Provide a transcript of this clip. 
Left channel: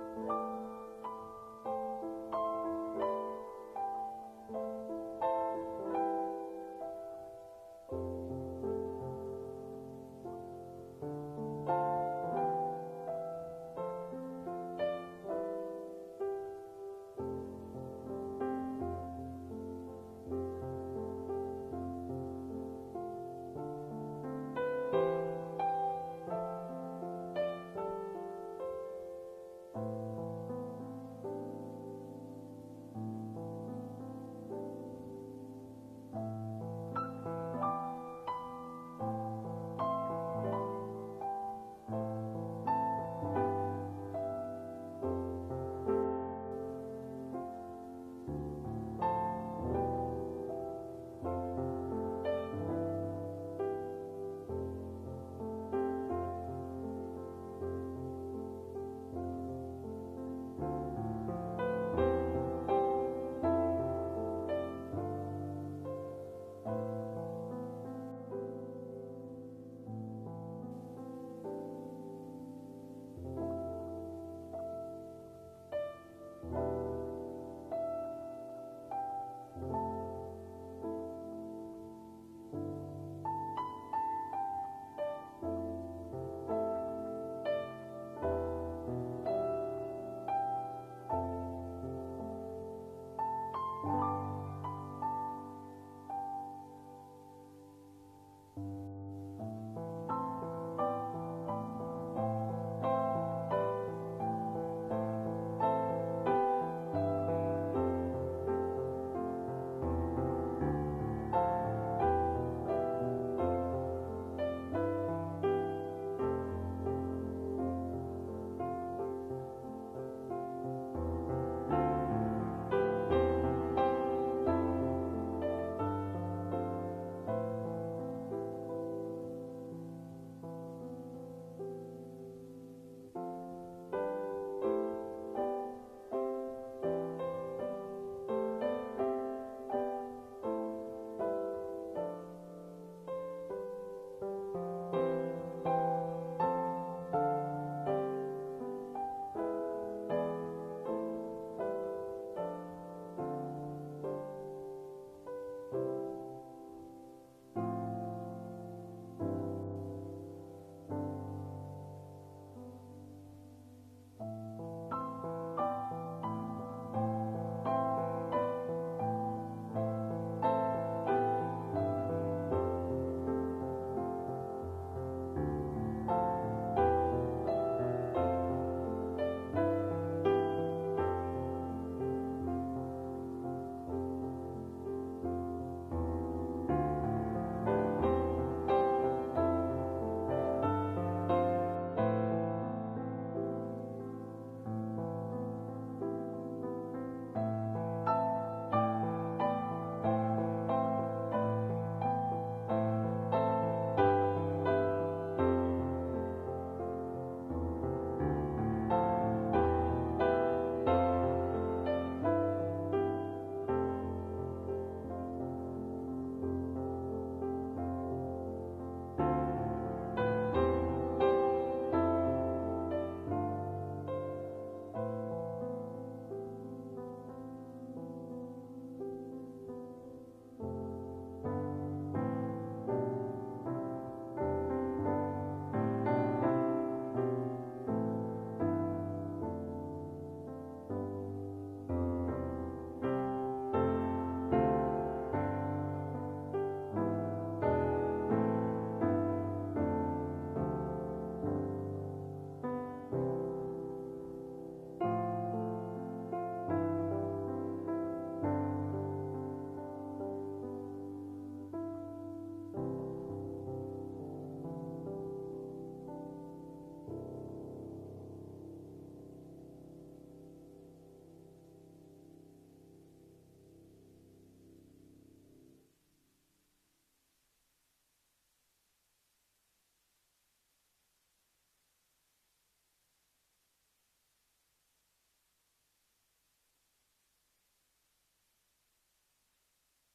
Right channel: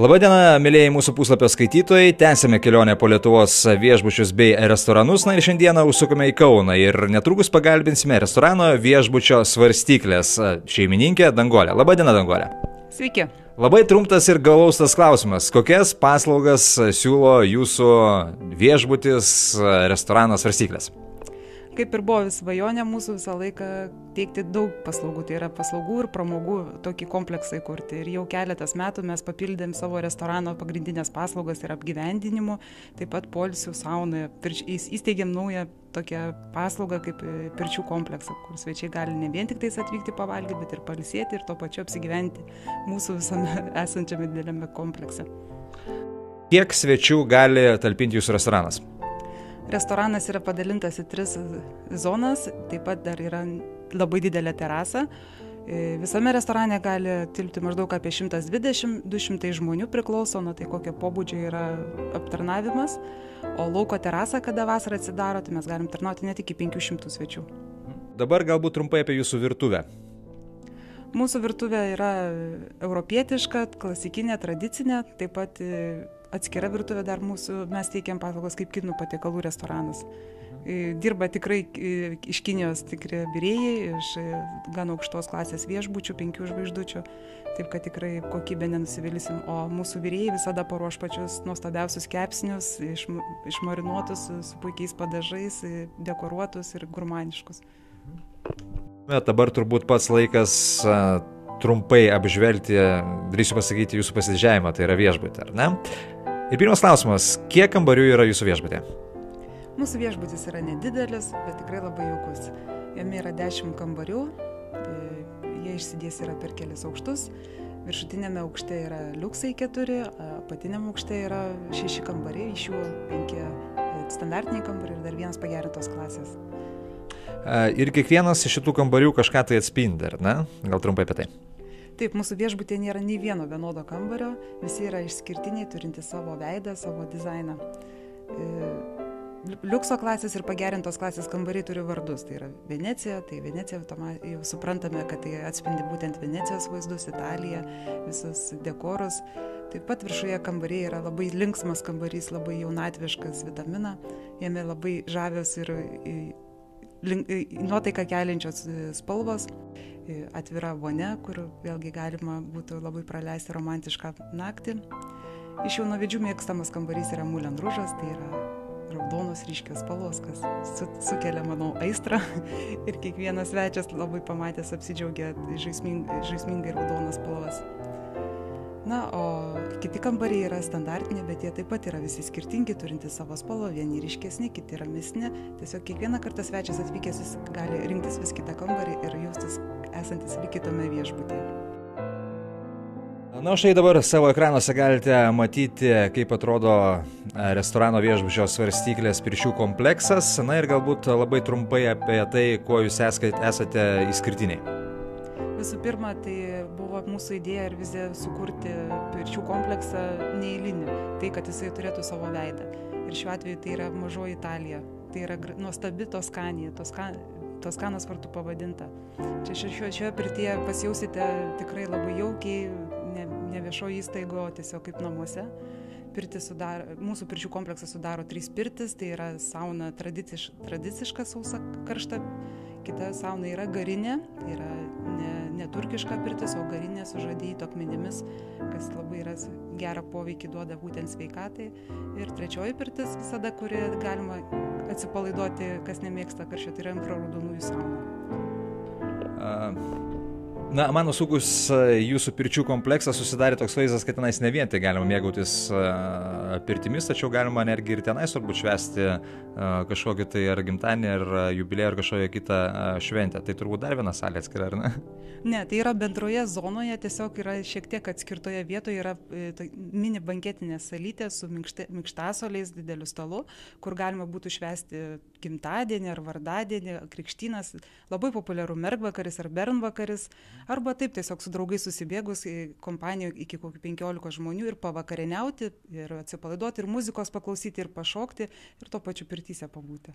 Labadiena, mėlyjei mūsų puslapio skaitytojai, tęsime kelionę po Lietuvos viešbučius bei restoranus, ir šiandieną užsukome į Kauną ir netrukus pagalbinsime restorano viešbučio Svarstyklės šeimininkę Danguolę. Labadiena, Danguolė. Sveiki. Labai trumpas ir glaustas klausimas. Kokias paslaugas siūlo jūsų viešbutis restoranas Svarstyklės? Kaip ir buvo svajonė mūsų visą laiką teikti daug paslaugų, tai yra paslaugų ir pramogų tokį kompleksą įkurti. Ir jau keletas metų mes papildėm savo restorano pagrindinės paslaugas ir apgyvendinimu, taip pat poilsių saunoje. Įsteigėm naują tokią paslaugą kaip pirčių kompleksą, kur svečiai gali ne vien tik tais atvykti pavalgyti, bet ir pailsėti ir tuo pačiu apsigyventi mūsų visame esančiame dideliame komplekse. Kiek svečių gali talpinti jūsų restoranas? Restoranas yra padalintas į 3 zonas, taip pat dar yra labai didelė terasa. Visame restorane gali tilpti maždaug apie 120-200 žmonių, priklauso nuo tai, kokio pobūdžio yra aptarnavimas. O lauko terasa, kada vasarą atsidaro, tai mes galim tarnauti net iki 500 svečių. Dabar galbūt trumpai apie jūsų virtuvę. Mūsų virtuvė yra europietiška, klasikinė, tradicinė, taip pat atskira virtuvė dar mūsų, mes teikiam paslaugas kaip kinų patiekalų restoranas. Dirba tikrai iš Kinijos tikri virėjai, iš gan aukštos klasės viešbučių, 5 žvaigždučių, taip kad tikrai kokybę nenusivylysim. O mūsų virėjai visada paruoš pačius nuostabiausius kepsnius, išmarinuotus su puikiais padažais, dekoruotus ir gurmaniškus. Bet dabar turbūt pats laikas trumpai apžvelgti, drįsiu pasakyti, jūsų pasididžiavimą, tai yra viešbutį, ar ne? Ir pirmas klausimas, kiek kambarių yra jūsų viešbutė? Mūsų viešbutis yra nedidelis, bet tikrai labai jaukus. Jame yra 10 kambarių, jie išsidės yra per kelias aukštus. Viršutinėme aukšte yra liuksai 4, apatiniame aukšte yra 6 kambariai, iš jų 5 standartiniai kambariai ir dar 1 pagerintos klasės. Ir kiekvienas iš šitų kambarių kažką tai atspindi, ar ne? Gal trumpai apie tai? Taip, mūsų viešbutė nėra nei vieno vienodo kambario, visi yra išskirtiniai, turinti savo veidą, savo dizainą. Liukso klasės ir pagerintos klasės kambariai turi vardus, tai yra Venecija, tai Venecija jau suprantame, kad tai atspindi būtent Venecijos vaizdus, Italiją, visus dekorus. Taip pat viršuje kambariai yra labai linksmas kambarys, labai jaunatviškas, vitamina, jame labai žavios ir nuotaiką keliančios spalvos, atvira vonia, kur vėlgi galima būtų labai praleisti romantišką naktį. Iš jaunavedžių mėgstamas kambarys yra Moulin Rouge'as, tai yra raudonos ryškios spalvos, kas sukelia, manau, aistrą ir kiekvienas svečias labai pamatęs apsidžiaugia žaismingai raudonas spalvas. Na, o kiti kambariai yra standartiniai, bet jie taip pat yra visi skirtingi, turinti savo spalvą, vieni ryškesni, kiti ramesni. Tiesiog kiekvieną kartą svečias atvykęs gali rinktis vis kitą kambarį ir jaustis esantis lyg kitame viešbutyje. Na, štai dabar savo ekranuose galite matyti, kaip atrodo restorano viešbučio Svarstyklės pirčių kompleksas. Na ir galbūt labai trumpai apie tai, kuo jūs esate išskirtiniai. Visų pirma, tai buvo mūsų idėja ir vizija sukurti pirčių kompleksą neeilinį, tai kad jisai turėtų savo veidą. Ir šiuo atveju tai yra mažoji Italija, tai yra nuostabi Toskanija, Toskanos vartų pavadinta. Čia šioje pirtyje pasijausite tikrai labai jaukiai, ne viešoje įstaigoje, o tiesiog kaip namuose. Mūsų pirčių kompleksą sudaro 3 pirtis, tai yra sauna tradiciška sausa karšta, kita sauna yra garinė, yra ne turkiška pirtis, o garinė su žadyto akmenimis, kas labai gerą poveikį duoda būtent sveikatai. Ir 3 pirtis visada, kuri galima atsipalaiduoti, kas nemėgsta karščio, tai yra infraraudonųjų sauna. Na, man nusukus jūsų pirčių kompleksą susidarė toks vaizdas, kad tenais ne vien tai galima mėgautis pirtimis, tačiau galima netgi ir tenais turbūt švęsti kažkokį tai ar gimtadienį, ar jubiliejų, ar kažkokią kitą šventę. Tai turbūt dar viena salė atskira, ar ne? Ne, tai yra bendroje zonoje, tiesiog yra šiek tiek atskirtoje vietoje, yra mini banketinė salytė su minkštasoliais, dideliu stalu, kur galima būtų švęsti gimtadienį ar vardadienį, krikštynas, labai populiarų mergvakaris ar bernvakaris, arba taip tiesiog su draugais susibėgus į kompaniją iki kokių 15 žmonių ir pavakarieniauti, ir atsipalaiduoti, ir muzikos paklausyti, ir pašokti, ir tuo pačiu pirtyse pabūti.